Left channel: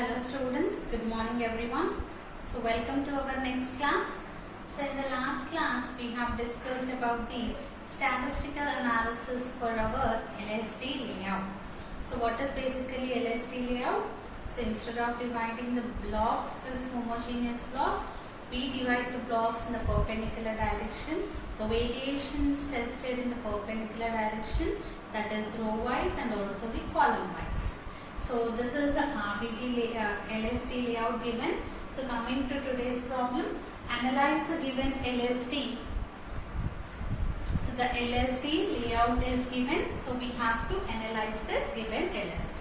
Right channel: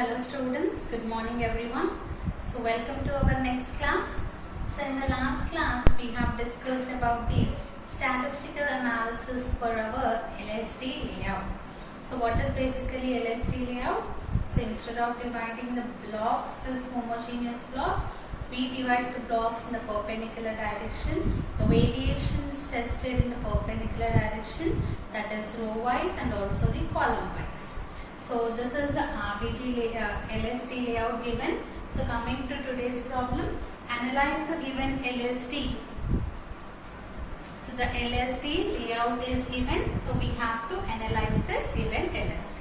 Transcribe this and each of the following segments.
Hello students, good morning everyone. So welcome to our next class. So in the last class we have discussed about the statistical analysis for our LST layout. So what is basically LST layout? So instead of dividing the blocks as homogeneous blocks, we divide the blocks in the perpendicular direction. The variations tested in the perpendicular direction, that is row wise and also the column wise. So this is the RBT LST layout given. So coming to today's problem, analyze the given LST. So the LST layout is given. So we have to analyze this given LST.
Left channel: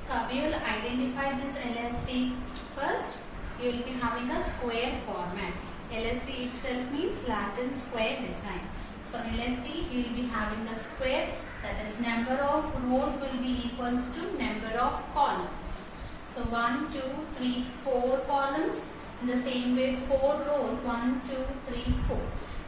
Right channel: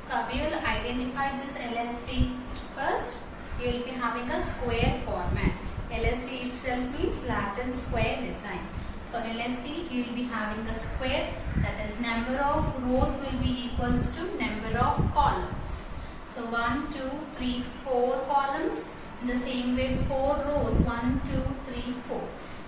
So we will identify this LST first. You will be having a square format. LST itself means Latin square design. So LST you will be having a square, that is number of rows will be equals to number of columns. So 1, 2, 3, 4 columns. In the same way 4 rows, 1, 2, 3, 4.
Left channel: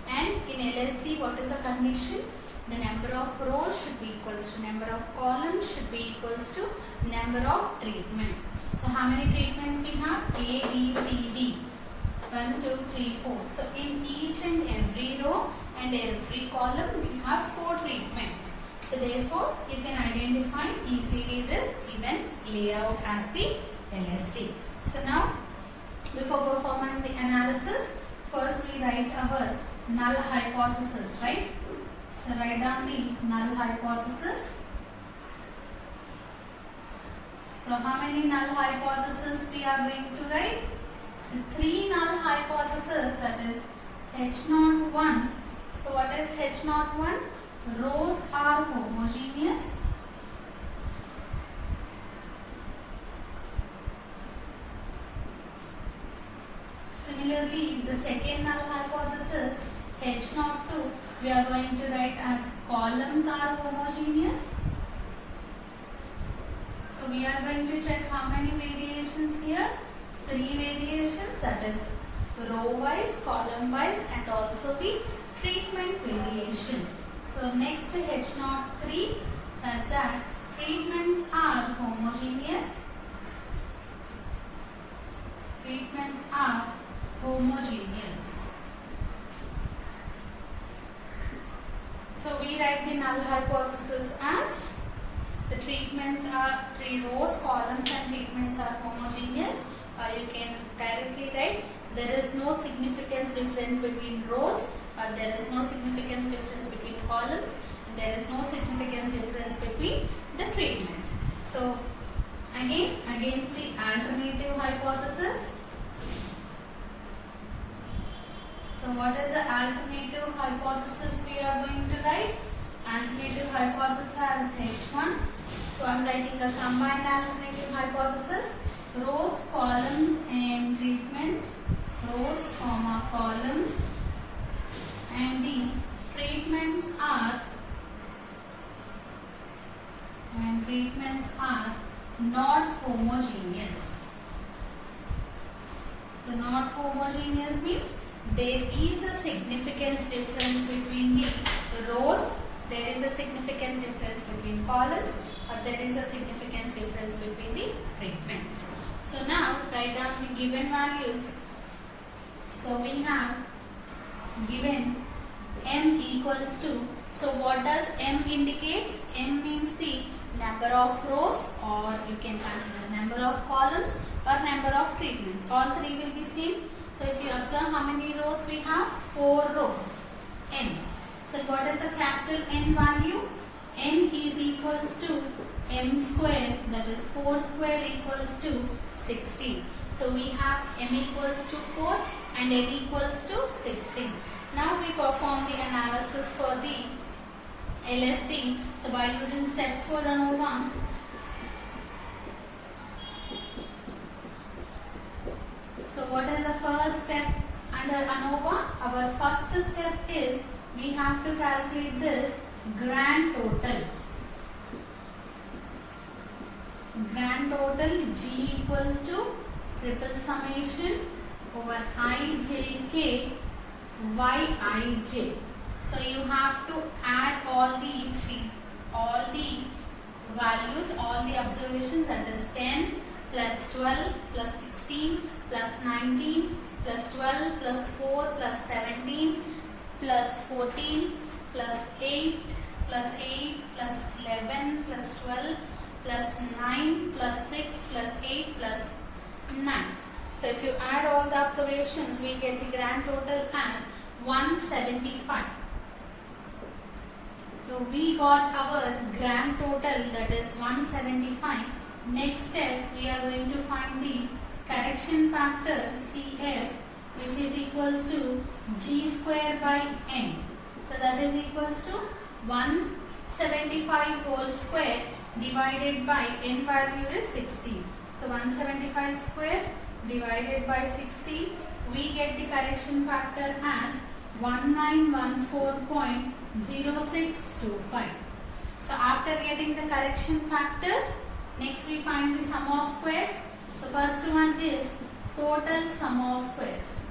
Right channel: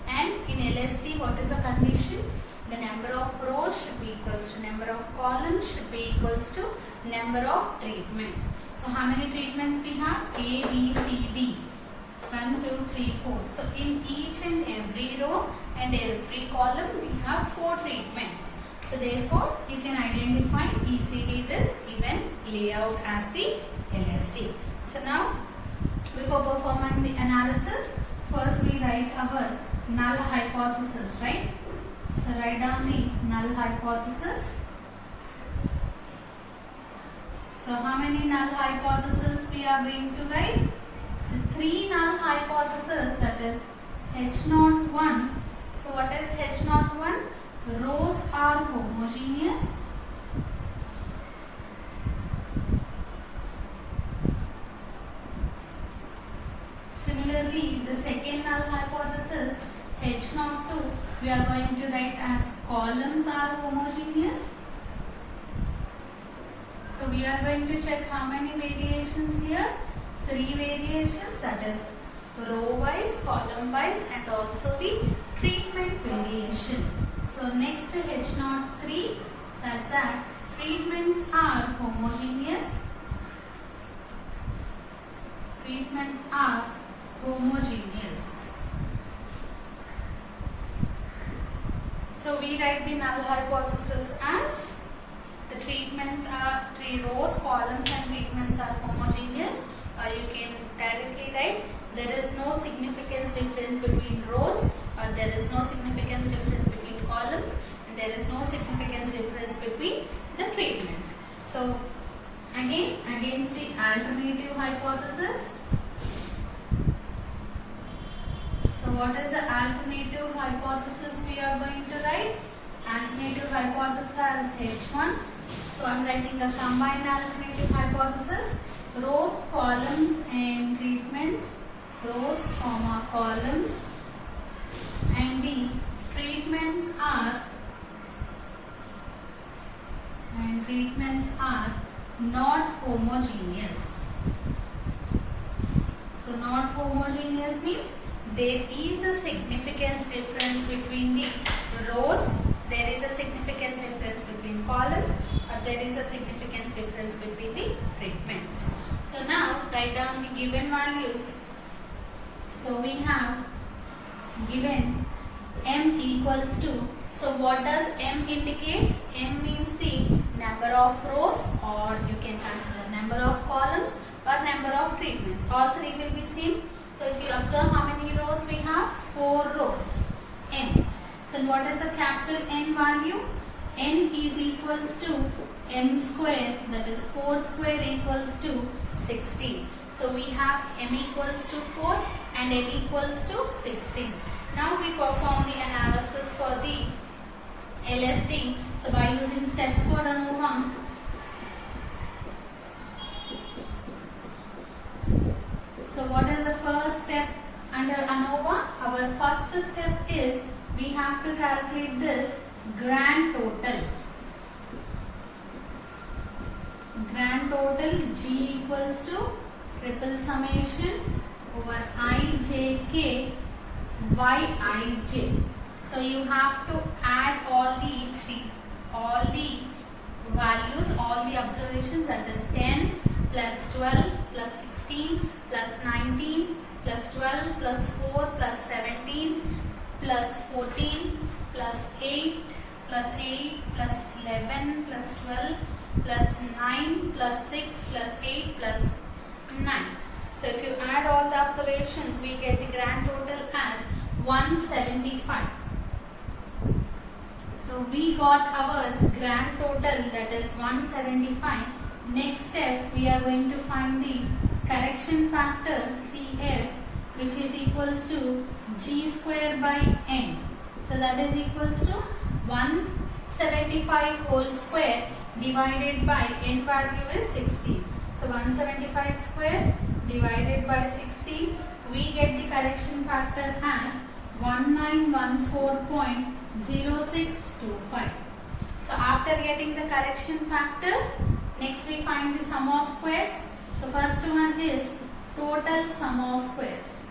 And in LST what is the condition? The number of rows should be equals to number of columns should be equals to number of treatment. So how many treatments we have? A, B, C, D. 1, 2, 3, 4. So in each and every row and every column we have 4 treatments. So therefore you can identify easily this given layout as the LST. So now before performing the analysis, first we write our null hypothesis, right? So write down the null hypothesis. So how many null hypotheses we are going to write? The 3 null hypotheses, that is H01. So what is H01? Rows are homogeneous. Similarly, the second null hypothesis H02 we are going to write as columns are homogeneous. So we are going to check how many variations here? 3 variations, that is row wise, column wise and also the treatment variation. So next H03 says that treatments are homogeneous. Treatments are homogeneous. So we write the null hypothesis as the treatments are 3 rows, columns and treatments are homogeneous, or you can directly write there is no significance difference between rows, or there is no significance difference between columns, and there is no significance difference between the treatments. So again, against the alternative hypothesis. So what is the alternative hypothesis we are going to write? Alternative hypothesis as H1. So I am writing a combined alternative hypothesis. Rows, columns and treatments. Rows, comma, columns. And the treatments are not homogeneous. So not homogeneous means there is a significance difference between the rows, there is a significance difference between columns, or there is a significance difference between the treatments. So now write down the given values. So we have given M equals to, so what does M indicates? M means the number of rows, or you can consider number of columns or number of treatments. All 3 will be same. So if you observe how many rows we have? 4 rows. N. So what is the capital N value? N is equals to M square, that is 4 square equals to 16. So we have M equals to 4 and N equals to 16. Now we perform the analysis for the LST. So by using steps for ANOVA, so what is the first step under ANOVA? Our first step is we have to calculate this grand total. Grand total G equals to triple summation over Ijk Yij. So you have to add all the values, all the observations, that is 10, plus 12 plus 16 plus 19 plus 12 plus 4 plus 17 plus 14 plus 8 plus 8 plus 11 plus 12 plus 9 plus 6 plus 8 plus 9. So if you add all the observations, we get the grand total as 175. So we got our grand total, that is 175. Next step, we are going to find the correction factor CF, which is equals to G square by N. So that is equals to 175 whole square divided by N value is 16. So 175 square divided by 16, we get the correction factor as 1914.0625. So after getting the correction factor, next we find the sum of squares. So first one is total sum of squares.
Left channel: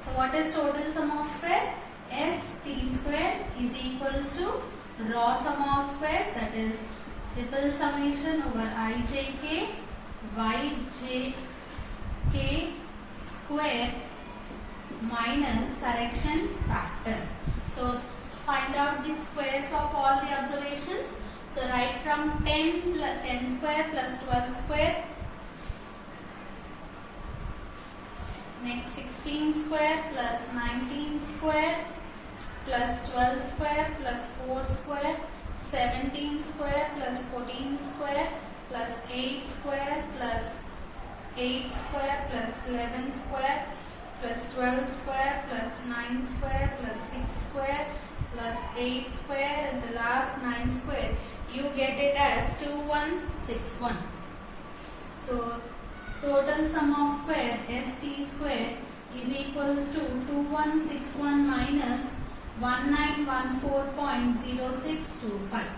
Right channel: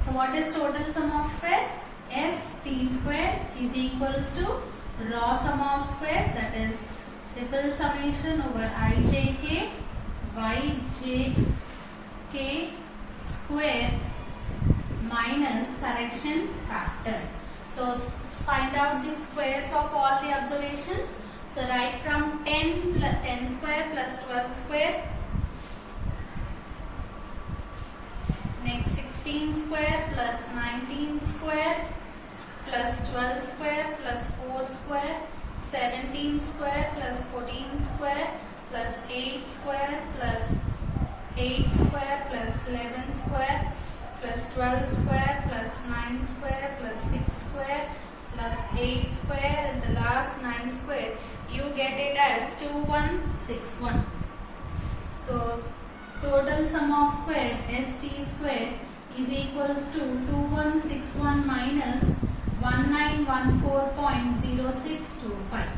So what is total sum of square? ST square is equals to raw sum of squares, that is triple summation over ijk yjk square minus correction factor. So find out the squares of all the observations. So write from 10 square plus 12 square. Next 16 square plus 19 square plus 12 square plus 4 square, 17 square plus 14 square plus 8 square plus 8 square plus 11 square plus 12 square plus 9 square plus 6 square plus 8 square and the last 9 square. You get it as 2161. So total sum of square ST square is equals to 2161 minus 1914.0625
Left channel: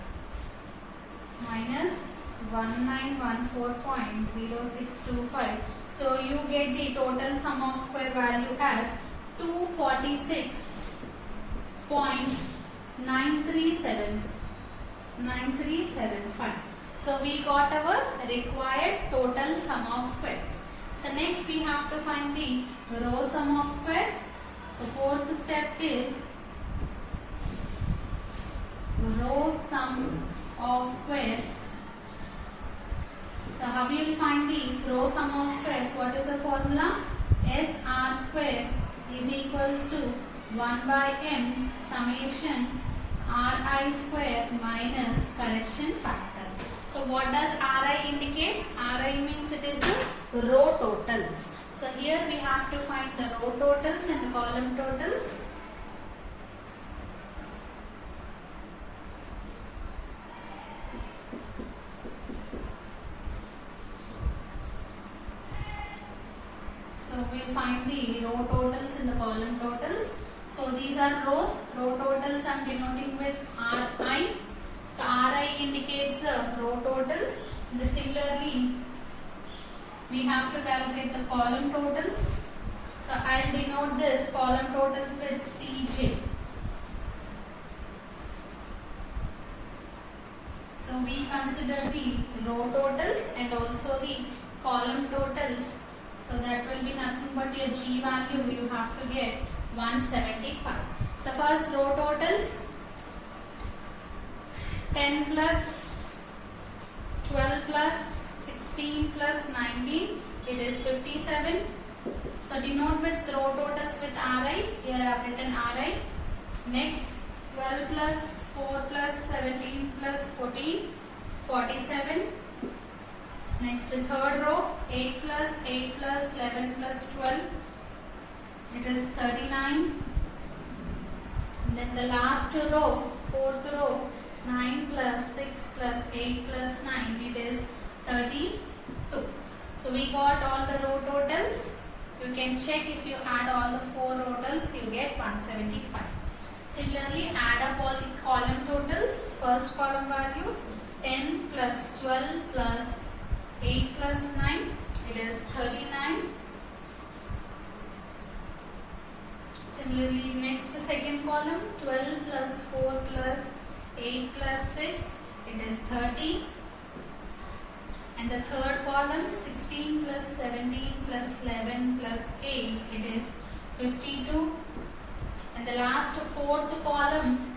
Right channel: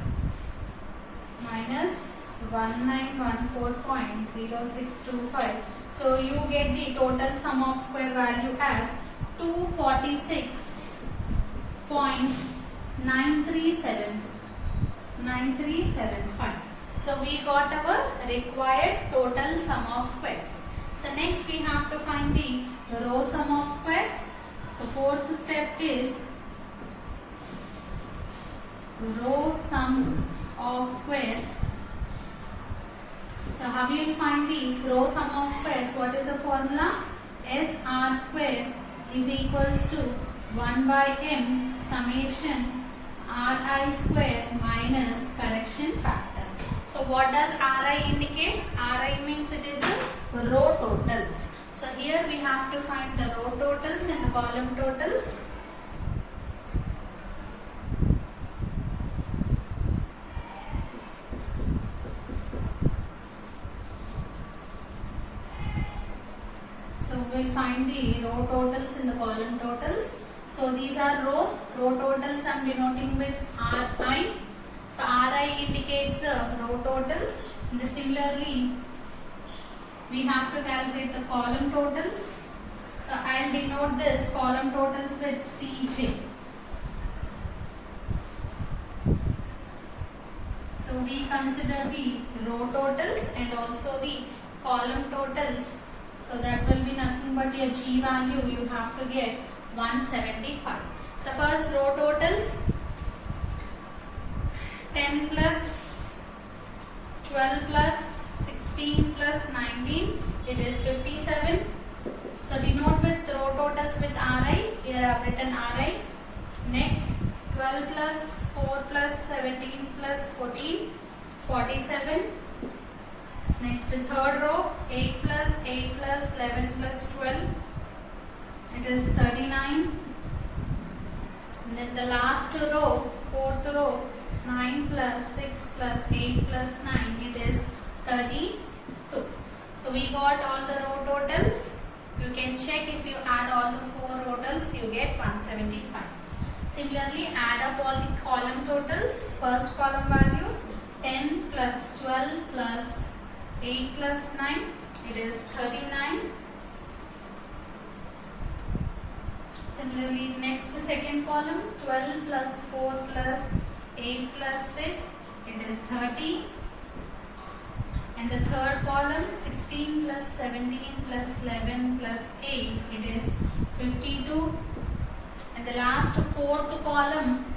minus 1914.0625. So you get the total sum of square value as 246.937.9375. So we got our required total sum of squares. So next we have to find the row sum of squares. So fourth step is row sum of squares. So how you will find the row sum of squares? What is the formula? SR square is equals to 1 by m summation Ri square minus correction factor. So what does Ri indicates? Ri means it is the row totals. So here we have to find the row totals and the column totals. So we'll find the row totals and the column totals. So these are rows. Row totals I am denoting with Ri. So Ri indicates the row totals. And similarly, we have to calculate the column totals. So I'll denote this column totals with Cj. So we consider the row totals and also the column totals. So that will be nothing but your G value. You have to get 175. So first row totals, 10 plus 12 plus 16 plus 19, it is 57. So denote with row totals with Ri. Here I have written Ri. Next 12 plus 4 plus 17 plus 14, 47. Next third row, 8 plus 11 plus 12, it is 39. And then the last row, fourth row, 9 plus 6 plus 8 plus 9, it is 32. So we got all the row totals. You can check if you add all the 4 totals, you get 175. Similarly, add up all the column totals. First column values, 10 plus 12 plus 8 plus 9, it is 39. Similarly, next second column, 12 plus 4 plus 8 plus 6, it is 30. And the third column, 16 plus 17 plus 11 plus 8, it is 52. And the last fourth column,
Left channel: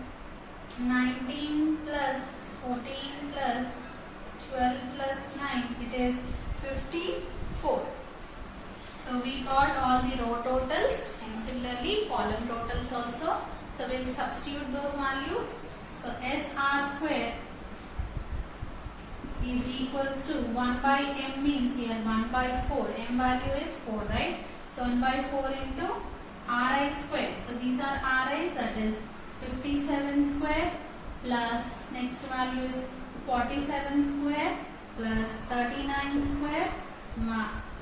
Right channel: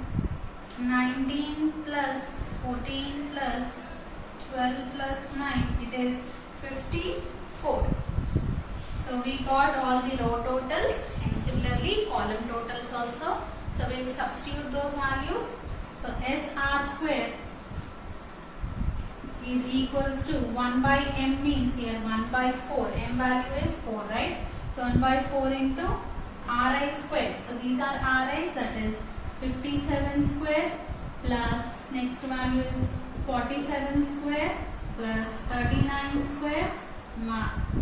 19 plus 14 plus 12 plus 9, it is 54. So we got all the row totals and similarly column totals also. So we will substitute those values. So SR square is equals to 1 by m means here 1 by 4. M value is 4, right? So 1 by 4 into Ri square. So these are Ri's, that is 57 square plus next value is 47 square plus 39 square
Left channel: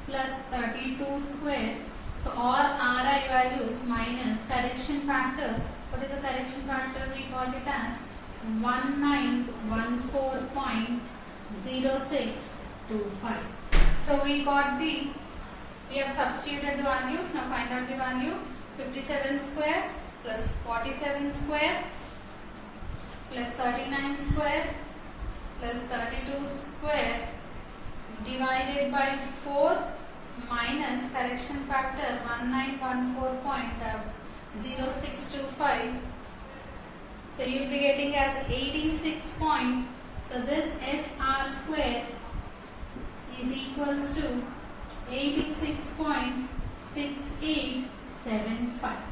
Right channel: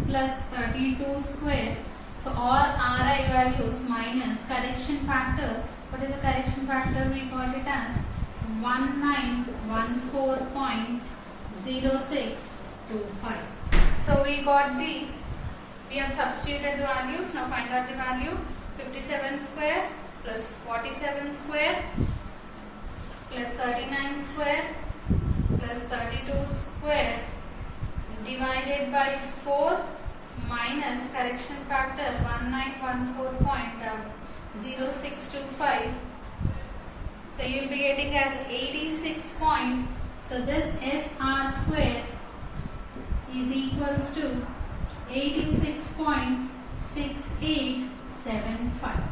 plus 32 square. So all Ri values minus correction factor. What is the correction factor? We got it as 1914.0625. So we have substituted the values. Now find out the value. 57 square plus 47 square plus 39 square plus 32 square divided by 4 minus correction factor 1914.0625. So you will be getting as 86 point. So this SR square is equals to 86.6875.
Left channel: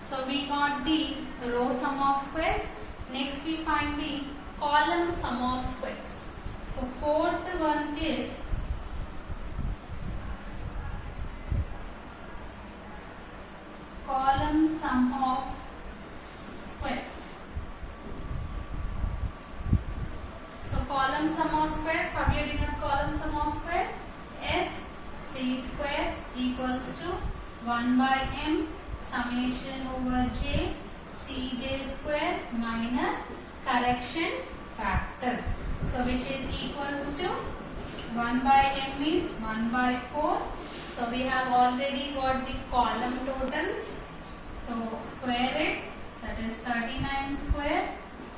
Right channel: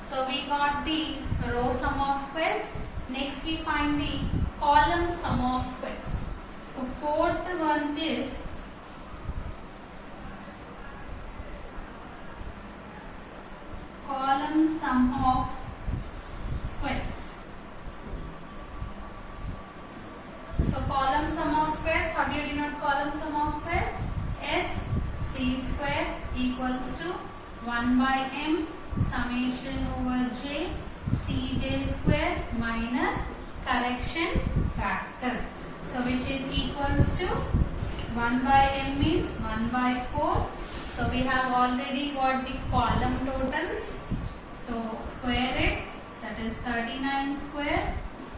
So we got the row sum of squares. Next we find the column sum of squares. So fourth one is column sum of squares. So column sum of squares, how do you denote column sum of squares? SC square equals to 1 by m summation over j Cj square minus correction factor. So which is equals to 1 by m means 1 by 4. So we have already got the column totals. So square it, that is 39 square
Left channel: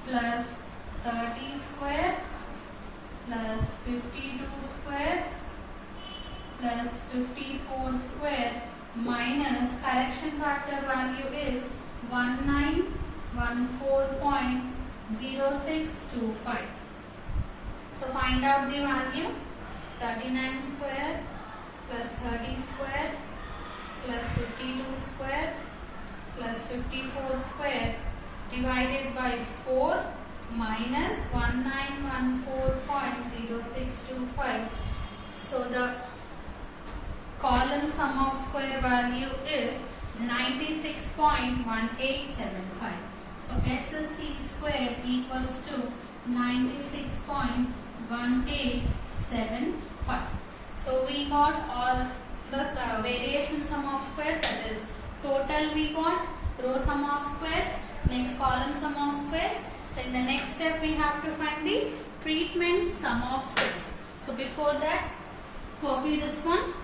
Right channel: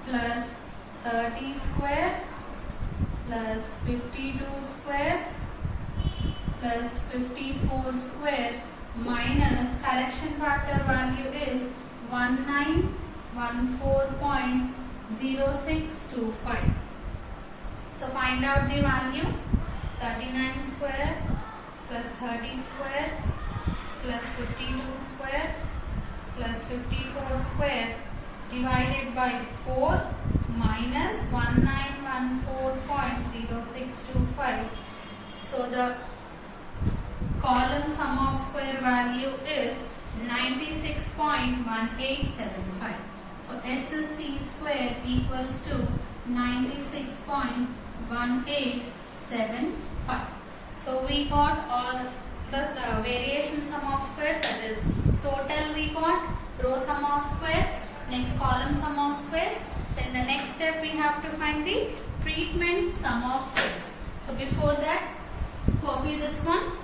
plus 30 square plus 52 square plus 54 square minus correction factor value is 1914.0625. So find out the value. 39 square plus 30 square plus 52 square plus 54 square divided by 4 minus 1914.0625. So the column sum of square value is 96.1875. So SC square equals to 96.1875. So we got all the variation sum of squares, that is total we got, row sum of squares, next column sum of squares. So in the next step we have to find the treatment sum of squares. So before that, copy this one.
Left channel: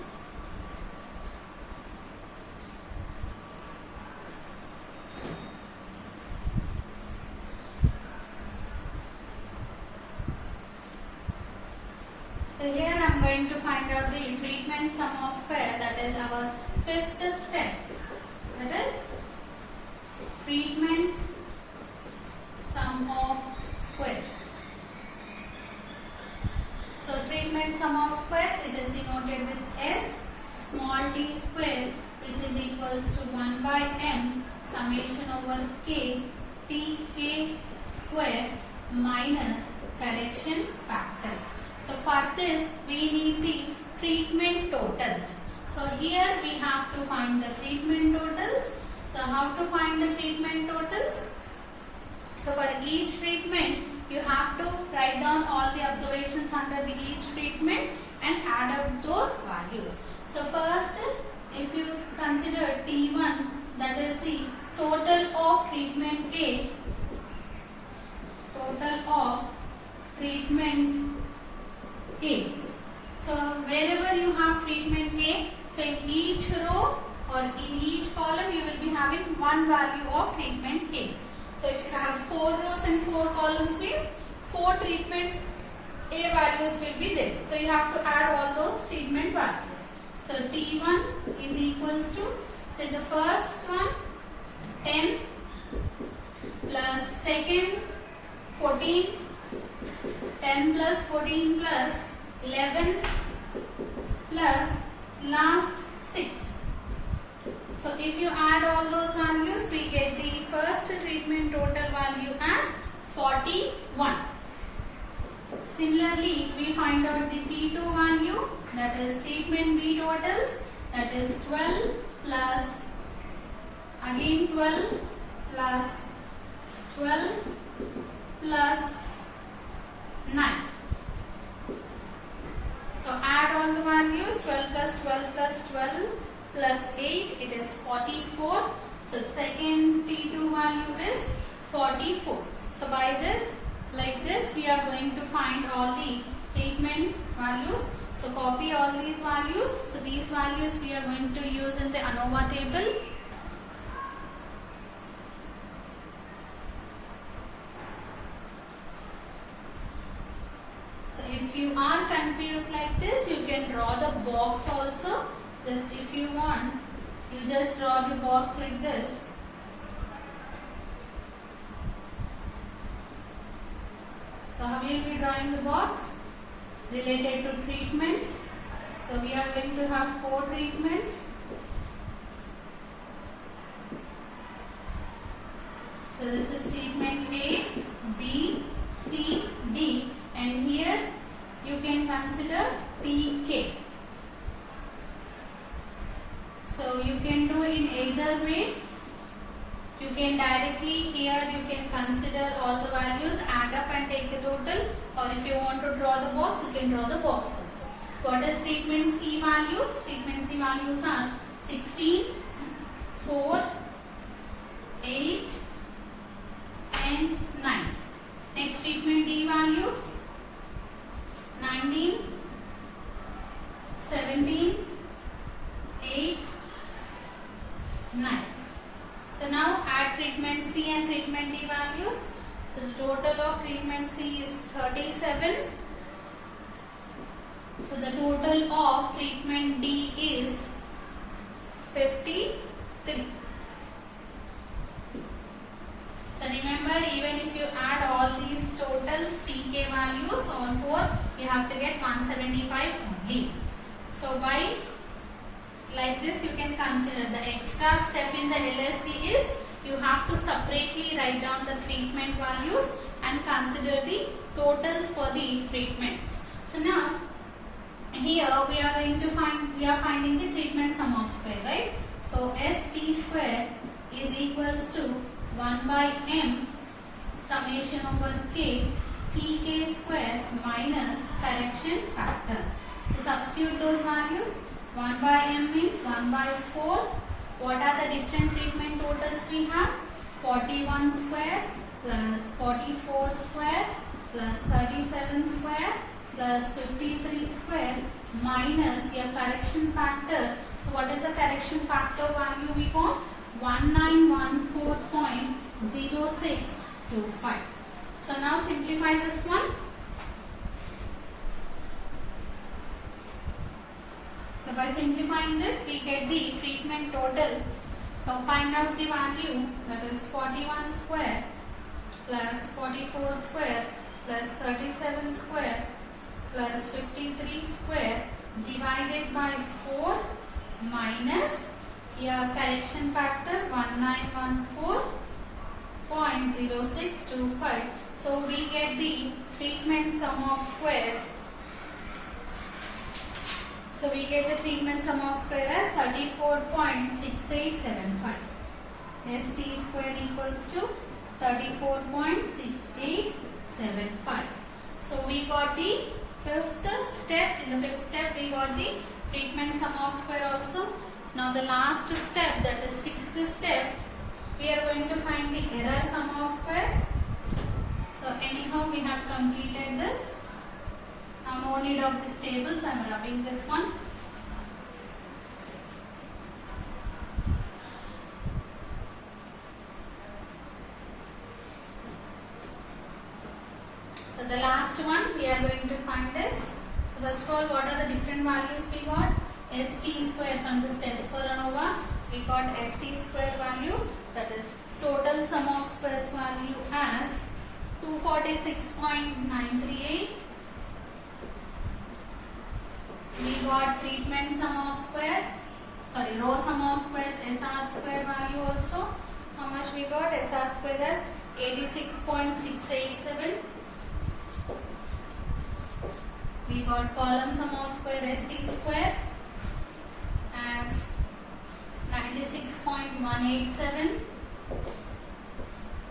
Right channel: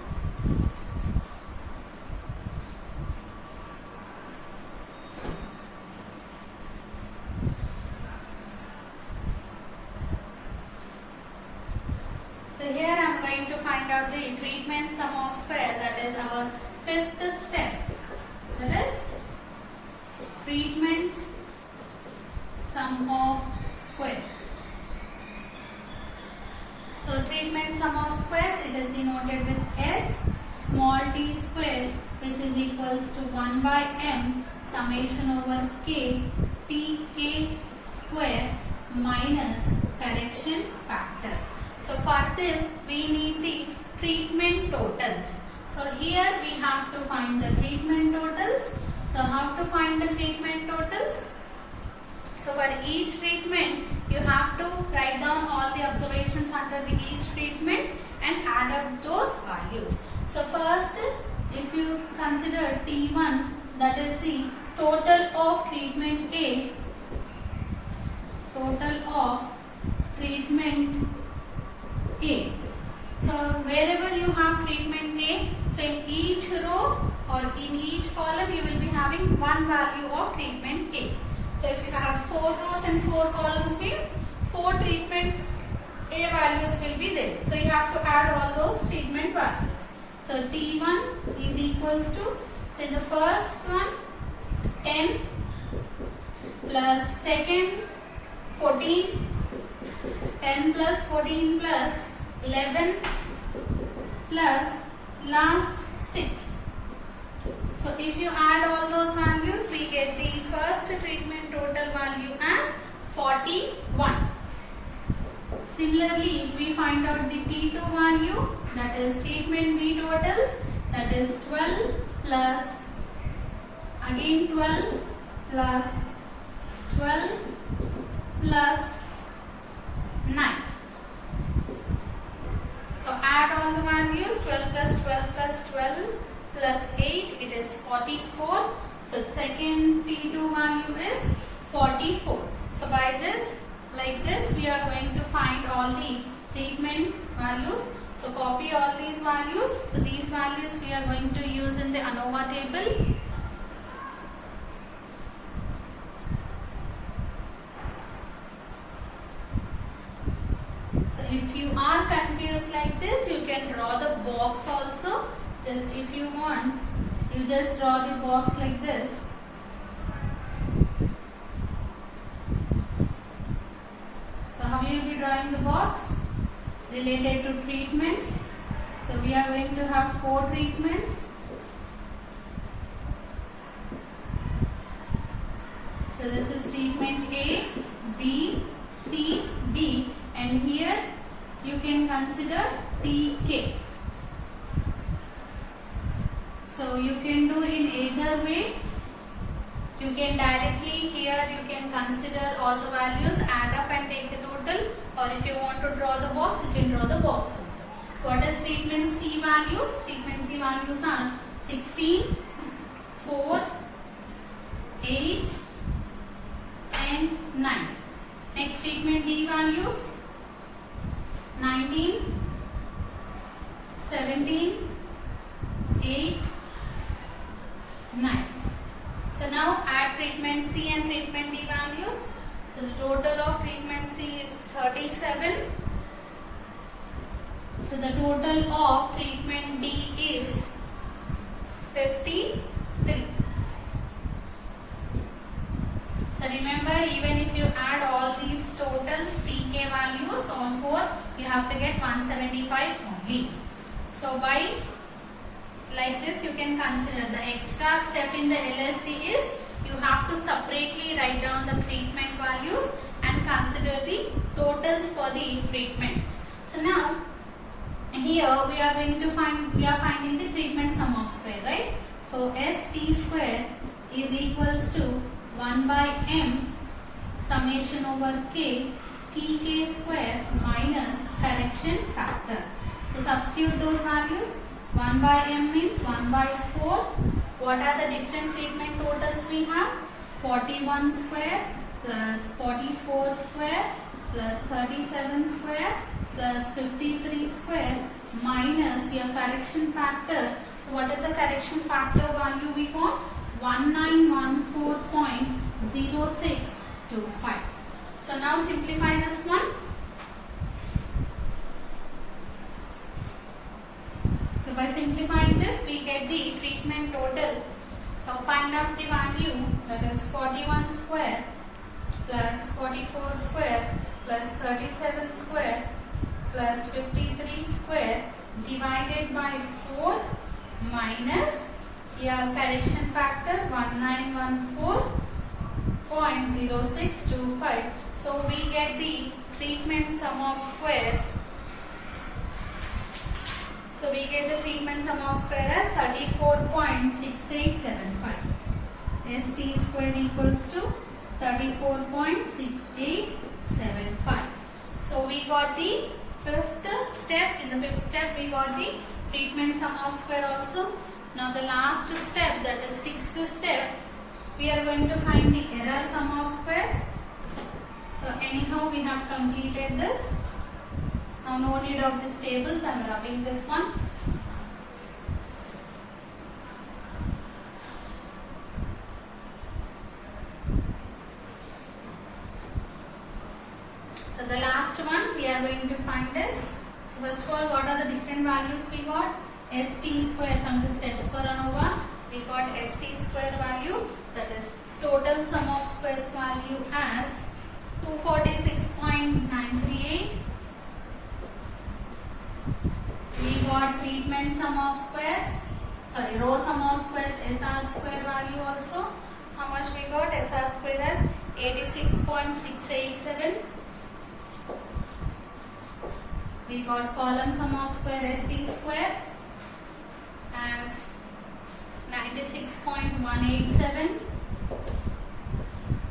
So here I am going to find out the treatment sum of square, that is our fifth step. That is treatment sum of squares. So treatment sum of squares, it is denoted with S small t square, which is equals to 1 by m summation over k tk square minus correction factor. So for this we need the treatment totals. So here we have to find the treatment totals. So how to find the treatment totals? So for each treatment you have to write down all the observations under the each treatment and add up those values. So first, if you consider T1, that is the total of treatment A, total of treatment A. So wherever you have treatment A, so in each row or in each column you will be having one value of treatment A. So if you have 4 rows and 4 columns means 4 treatment A values will be there. So you have to add all those treatment values. So T1 is equals to, so in the first one 10 plus second 14, 10 plus 14 plus 11 plus last 6. So if you add all those values, we get the first treatment total value as 41. Similarly, we find out the T2 value, that is treatment B totals, that is 12 plus again 12 plus 12 plus 9. So add all the values, 12 plus 12 plus 12 plus 8, it is 44. So the second T2 value is 44. So by this, like this, we are going to find all the treatment values. So copy all these values. So these values we are going to use in the ANOVA table. So if you are confused like this, you can draw the box also. Just if you want, you just draw the box like this. So how will you be drawing the box? Related to treatments. So we are going to have 4 treatments. So this is treatment A, B, C, D, and here you can consider TK. So you can do in either way. You can directly here you can consider all the values, add up and take the total, or if you want to draw the box, you can draw the box also. What is treatment C values? Treatment C values are 16, 4, 8 and 9. Next treatment D values 19, 17, 8, 9. So now add treatment C and treatment D values. So the total of treatment C is 37. So the total of treatment D is 53. So remember, even if you add all these totals TK values on 4, you have to get 175 only. So by like this you can consider the extra step in the LSD is you have to separately write down the treatment values and consider the totals for the treatments. So now here we are going to finding the treatment sum of square, right? So ST square is equals to 1 by m summation over k tk square minus correction factor. So substitute those values. 1 by m means 1 by 4. What are the different treatment totals we have? 41 square plus 44 square plus 37 square plus 53 square minus your correction factor. So what is the correction factor value we got? 1914.0625. So now simplify this one. So by simplifying this, we get the treatment total. So find out the value, that is 41 square plus 44 square plus 37 square plus 53 square divided by 4 minus your correction factor 1914.0625. So we get the treatment sum of squares. So we get the treatment sum of square as 34.6875. ST square equals to 34.6875. So we got the fifth step. In the fifth step we got the treatment sum of square also. Now the last step, that is sixth step, we are going to find the error sum of squares. So anyhow we have completed this. Now no need of these tables, I am rubbing this one. So the last one we are going to find is, so first of all, what are the different values we got? ST square from the steps for ANOVA. We got ST square value, that is total sum of squares value as 246.938. We got treatment sum of squares, row sum of squares SR square value also. How much we got? SR square as 86.687. We got column sum of square SC square as 96.187.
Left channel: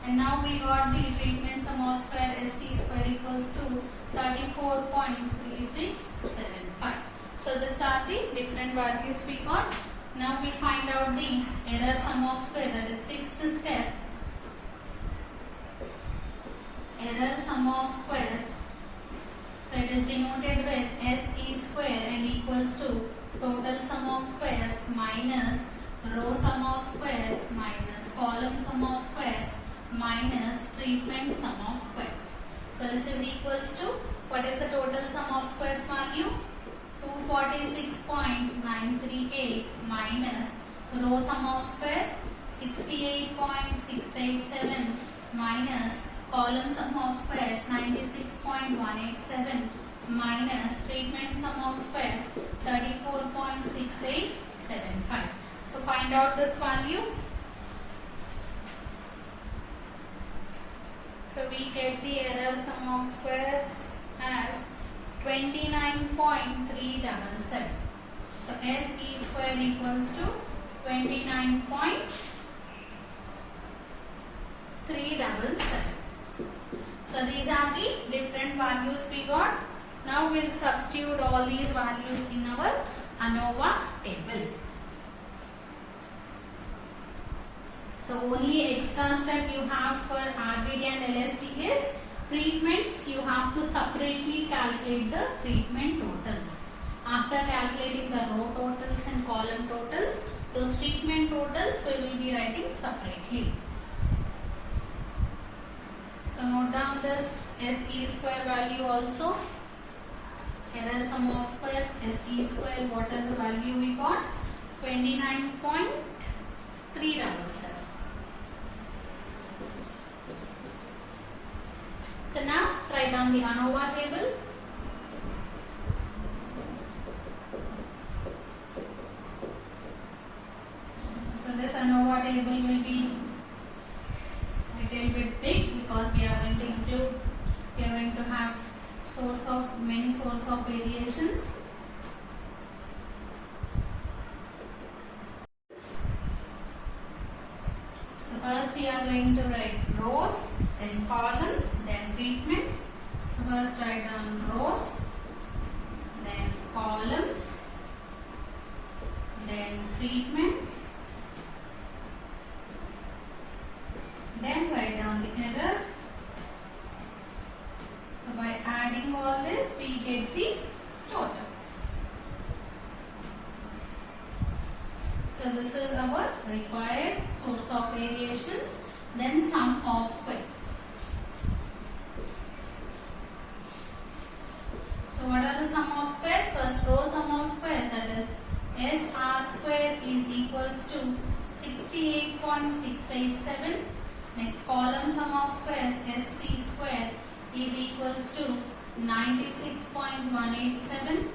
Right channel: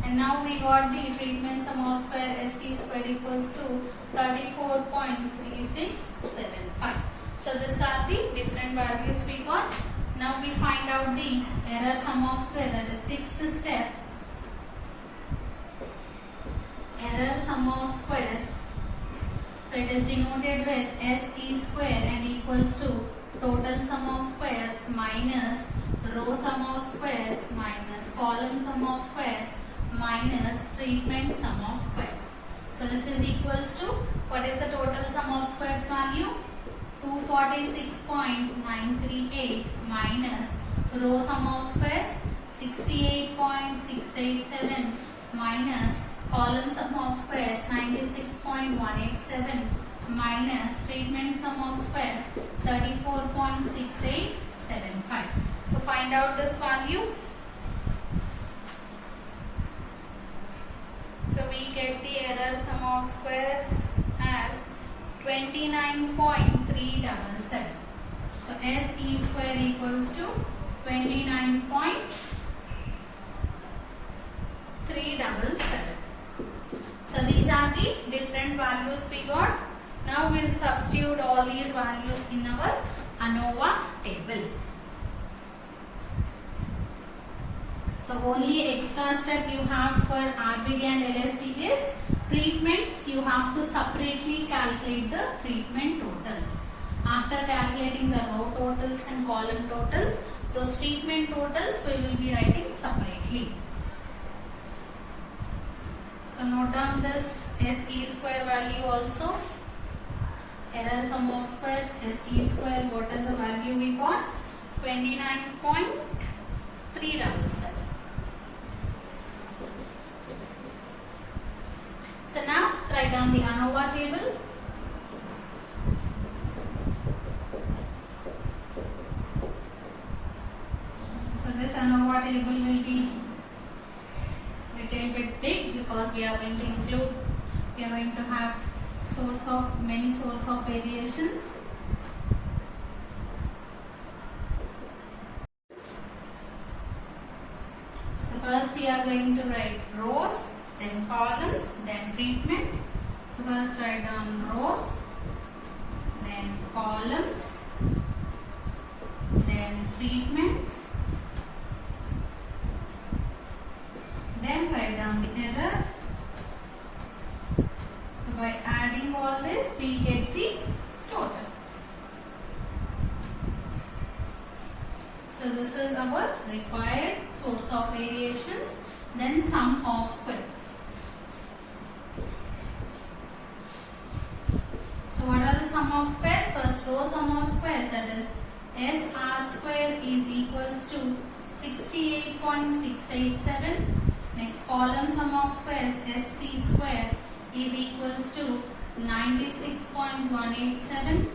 And now we got the treatment sum of square ST square equals to 34.3675. So these are the different values we got. Now we find out the error sum of square, that is sixth step. Error sum of squares. So it is denoted with SE square and equals to total sum of squares minus row sum of squares minus column sum of squares minus treatment sum of squares. So this is equals to, what is the total sum of squares value? 246.938 minus row sum of squares 68.687 minus column sum of squares 96.187 minus treatment sum of squares 34.6875. So find out this value. So we get the error sum of squares as 29.377. So SE square equals to 29.377. So these are the different values we got. Now we will substitute all these values in our ANOVA table. So only extra step you have for RBG and LST is treatments. You have to separately calculate the treatment totals. After calculating the row totals and column totals, those treatment totals we will be writing separately. So note down this SE square value also. Error sum of squares SE square, what is the value we got? 29.377. So now write down the ANOVA table. So this ANOVA table will be little bit big because we are going to have many source of variations. So first we are going to write rows, then columns, then treatments. So first write down rows, then columns, then treatments. Then write down the error. So by adding all this, we get the total. So this is our required source of variations. Then sum of squares. So what are the sum of squares? First row sum of squares, that is SR square is equals to 68.687. Next column sum of squares SC square is equals to 96.187.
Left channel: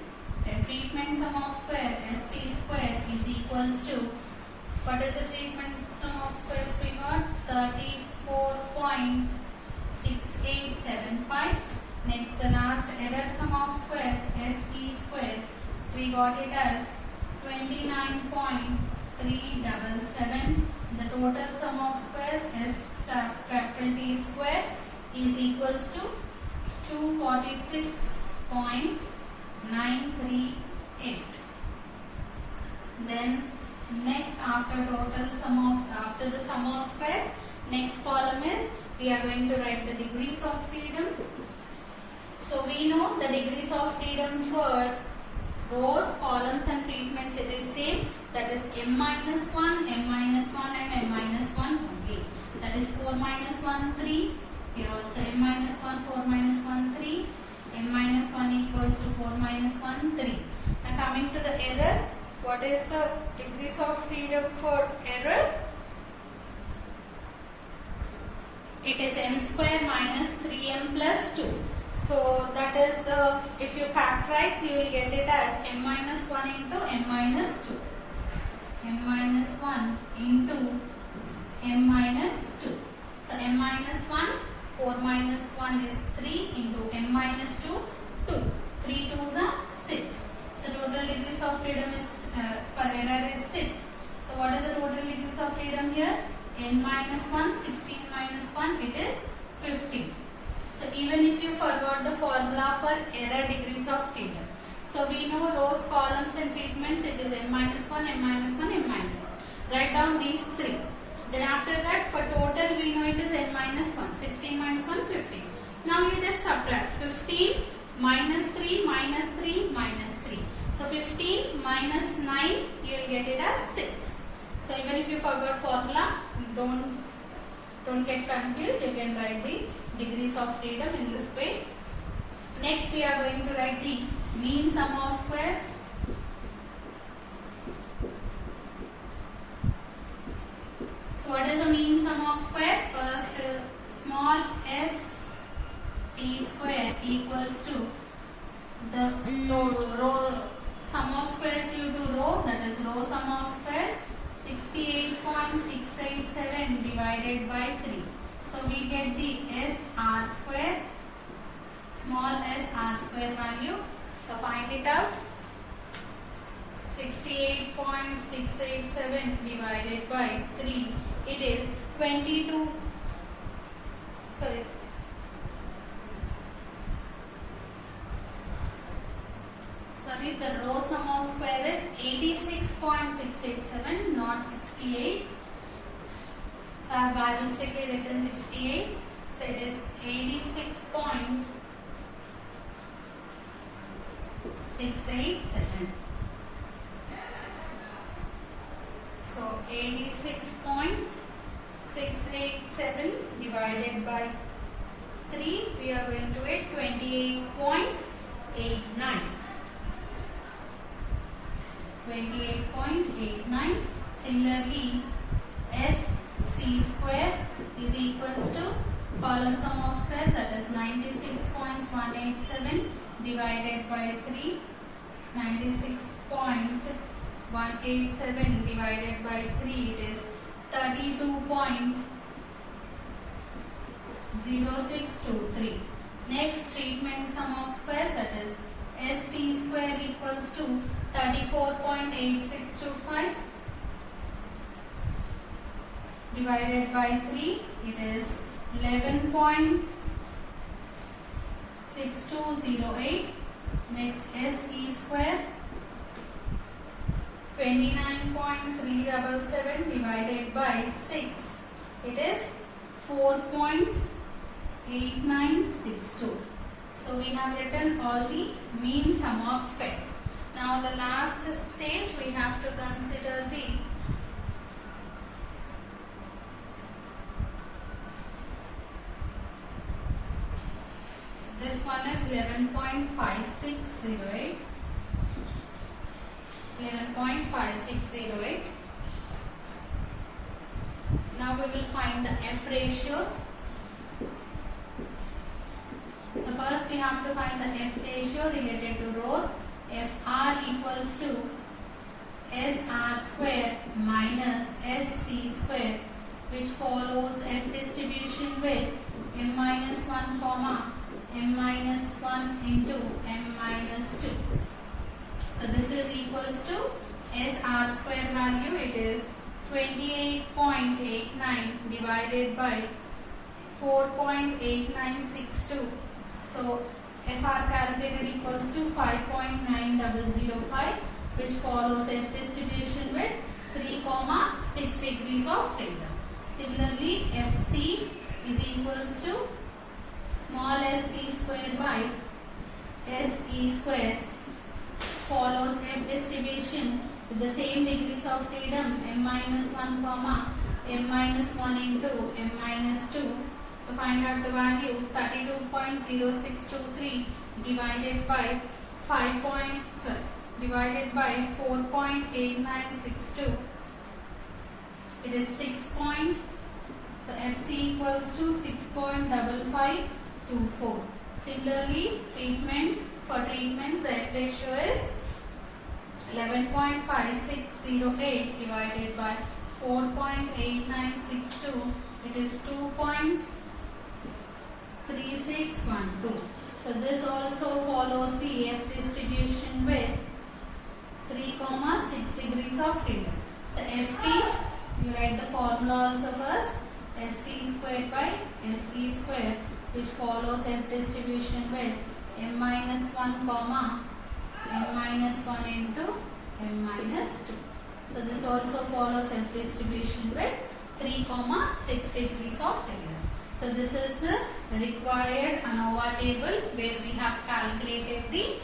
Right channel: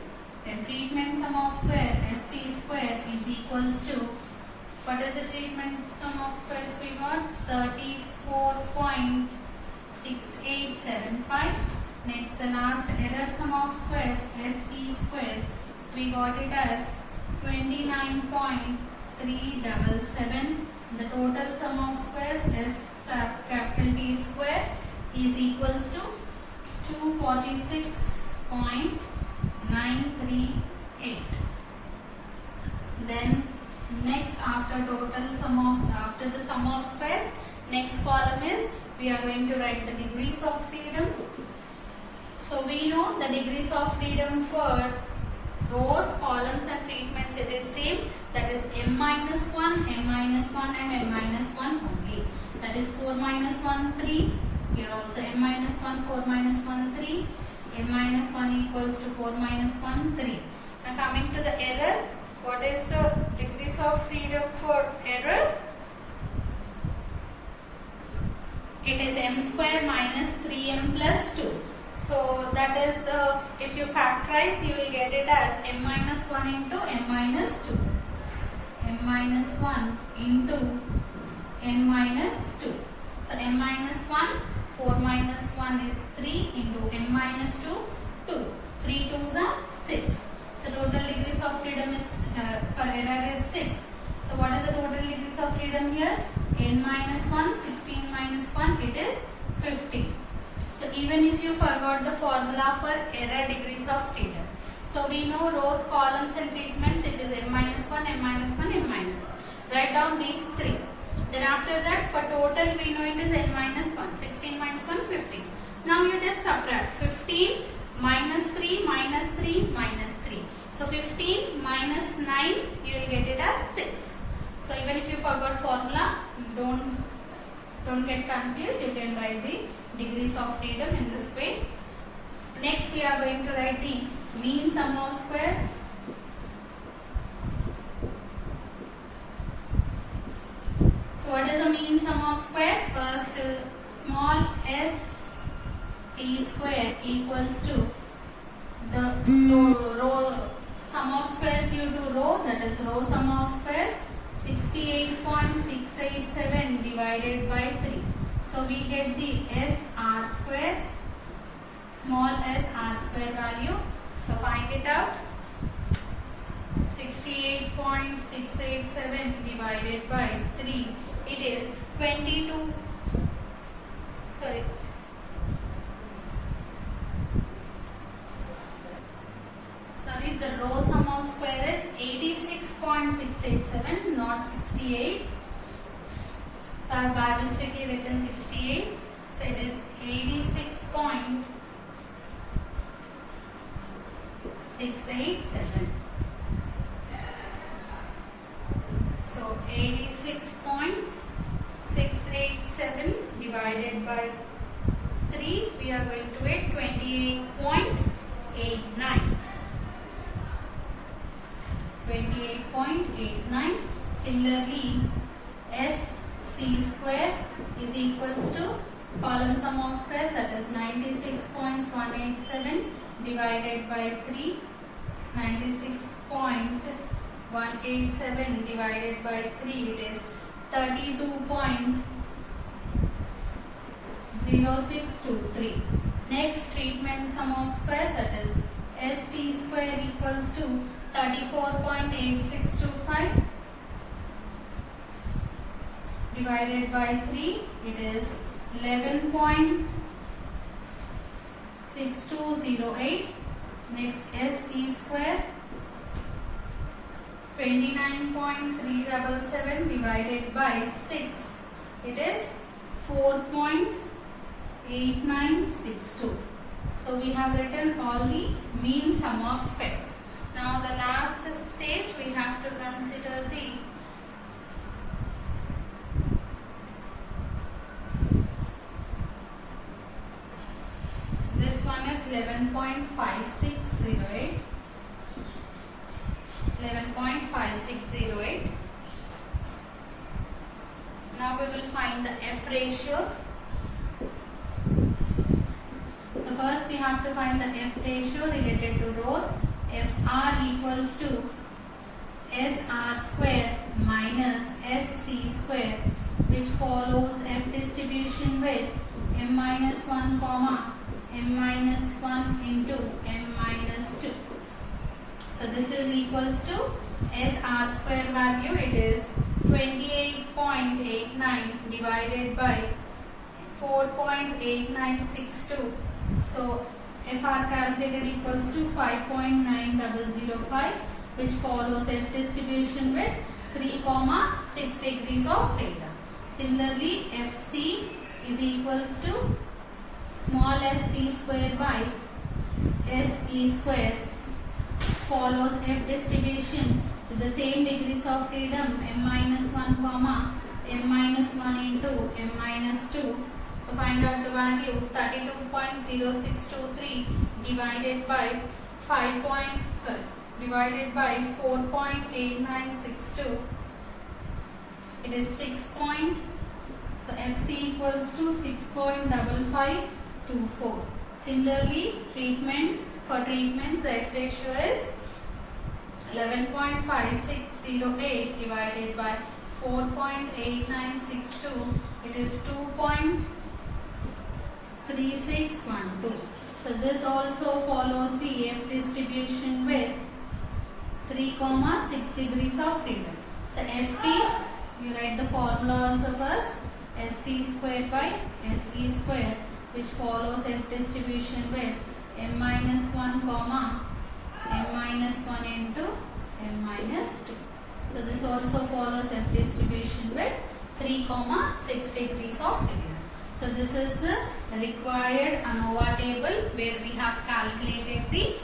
Then treatment sum of square ST square is equals to, what is the treatment sum of squares we got? 34.6875. Next the last error sum of squares SE square, we got it as 29.377. The total sum of squares S capital T square is equals to 246.938. Then next after the sum of squares, next column is we are going to write the degrees of freedom. So we know the degrees of freedom for rows, columns and treatments, it is same, that is m-1, m-1 and m-1 only. That is 4 minus 1, 3. Here also m-1, 4 minus 1, look for error. It is m square minus 3m plus 2. So that is if you factorize, you will get it as m minus 1 into m minus 2. M minus 1 into m minus 2. So m minus 1, 4 minus 1 is 3 into m minus 2, 2. 3 2s are 6. So total degrees of freedom is for error is 6. So what is the total degrees of freedom here? N minus 1, 16 minus 1, it is 50. So even if you forgot the formula for error degrees of freedom. So we know rows, columns and treatments, it is m minus 1, m minus 1, m minus 1. Write down these three. Then after that for total we know it is n minus 1, 16 minus 1, 15. Now you just subtract 15 minus 3 minus 3 minus 3. So 15 minus 9 you will get it as 6. So even if you forgot formula, don't get confused. You can write the degrees of freedom in this way. Next we are going to write the mean sum of squares. So what is the mean sum of squares? First small s t square equals to the row sum of squares due to row, that is row sum of squares, 68.687 divided by 3. So we get the s r square, small s r square value. So find it out. 68.687 divided by 3. It is 22. Sorry. The row sum of square is 86.687, not 68. So I have by mistakenly written 68. So it is 86.687. So 86.687 divided by 3, we are going to get 28.89. 28.89. Similarly, SC square is equals to column sum of squares, that is 96.187 divided by 3. 96.187 divided by 3, it is 32.0623. Next, treatment sum of squares, that is ST square equals to 34.8625 divided by 3, it is 11.6208. Next, SE square 29.377 divided by 6, it is 4.8962. So we have written all the mean sum of squares. Now the last stage we have to consider the this one is 11.5608. 11.5608. Now we will find the F ratios. So first we have to find the F ratio related to rows. Fr equals to SR square minus SC square, which follows F distribution with m minus 1 comma m minus 1 into m minus 2. So this is equals to SR square value, it is 28.89 divided by 4.8962. So FR calculated equals to 5.9005, which follows F distribution with 3,6 degrees of freedom. Similarly, FC is equals to small sc square by SE square, follows F distribution with the same degrees of freedom m minus 1 comma m minus 1 into m minus 2. So find out the value 32.0623 divided by 4.8962. it is 6 point, so FC equals to 6.5524. Similarly, for treatments, the F ratio is 11.5608 divided by 4.8962. It is 2.3612. So this also follows the F distribution with 3, 6 degrees of freedom. So FT, you write the formula also first. ST squared by SE square, which follows F distribution with m minus 1 comma m minus 1 into m minus 2. So this also follows F distribution with 3, 6 degrees of freedom. So this is the required ANOVA table where we have calculated the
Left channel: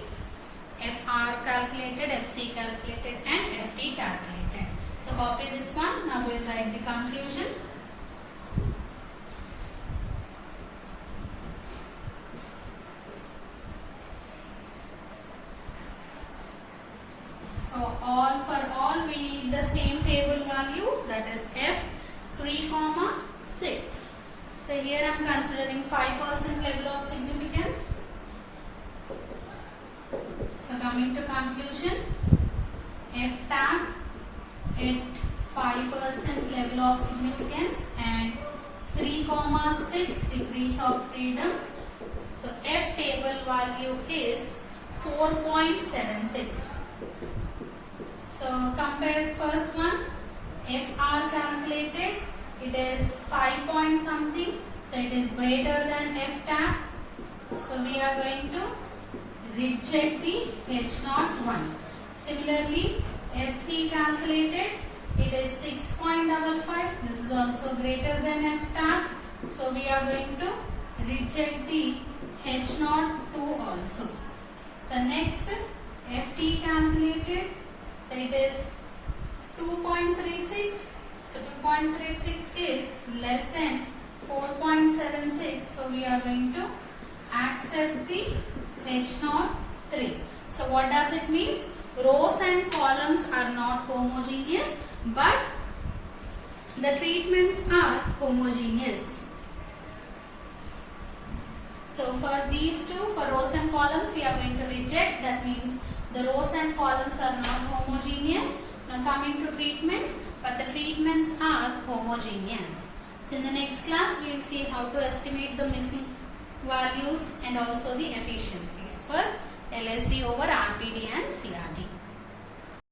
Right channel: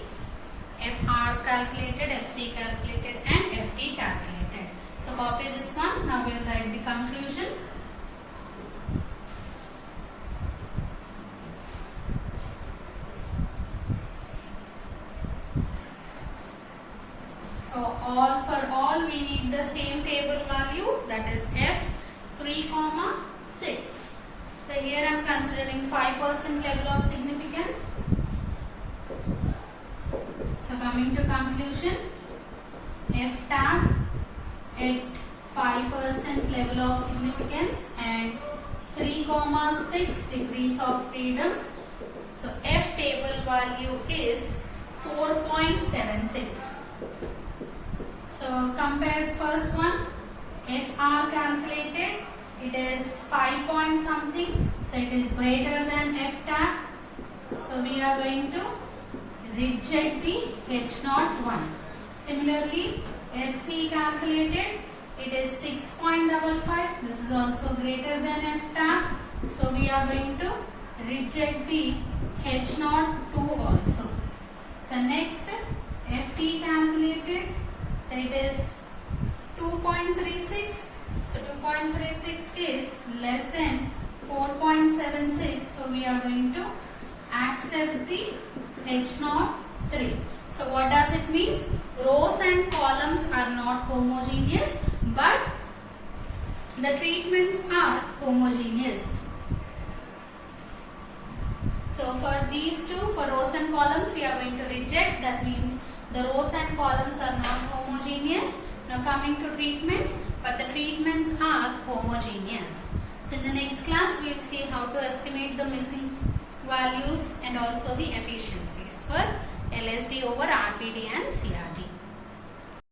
FR calculated, FC calculated and FT calculated. So copy this one. Now we will write the conclusion. So for all we need the same table value, that is F 3, 6. So here I am considering 5% level of significance. So coming to conclusion, F tab at 5% level of significance and 3, 6 degrees of freedom. So F table value is 4.76. So compare the first one, FR calculated, it is 5 point something, so it is greater than F tab. So we are going to reject the H01. Similarly, FC calculated, it is 6.55, this is also greater than F tab. So we are going to reject the H02 also. So next, FT calculated, so it is 2.36. So 2.36 is less than 4.76. So we are going to accept the H03. So what does it mean? Rows and columns are not homogeneous, but the treatments are homogeneous. So for these two, for rows and columns, we are going to reject. That means the rows and columns are not homogeneous. Now coming to treatments, but the treatments are homogeneous. So in the next class, we will see how to estimate the missing values and also the efficiencies for LSD over RPD and CR.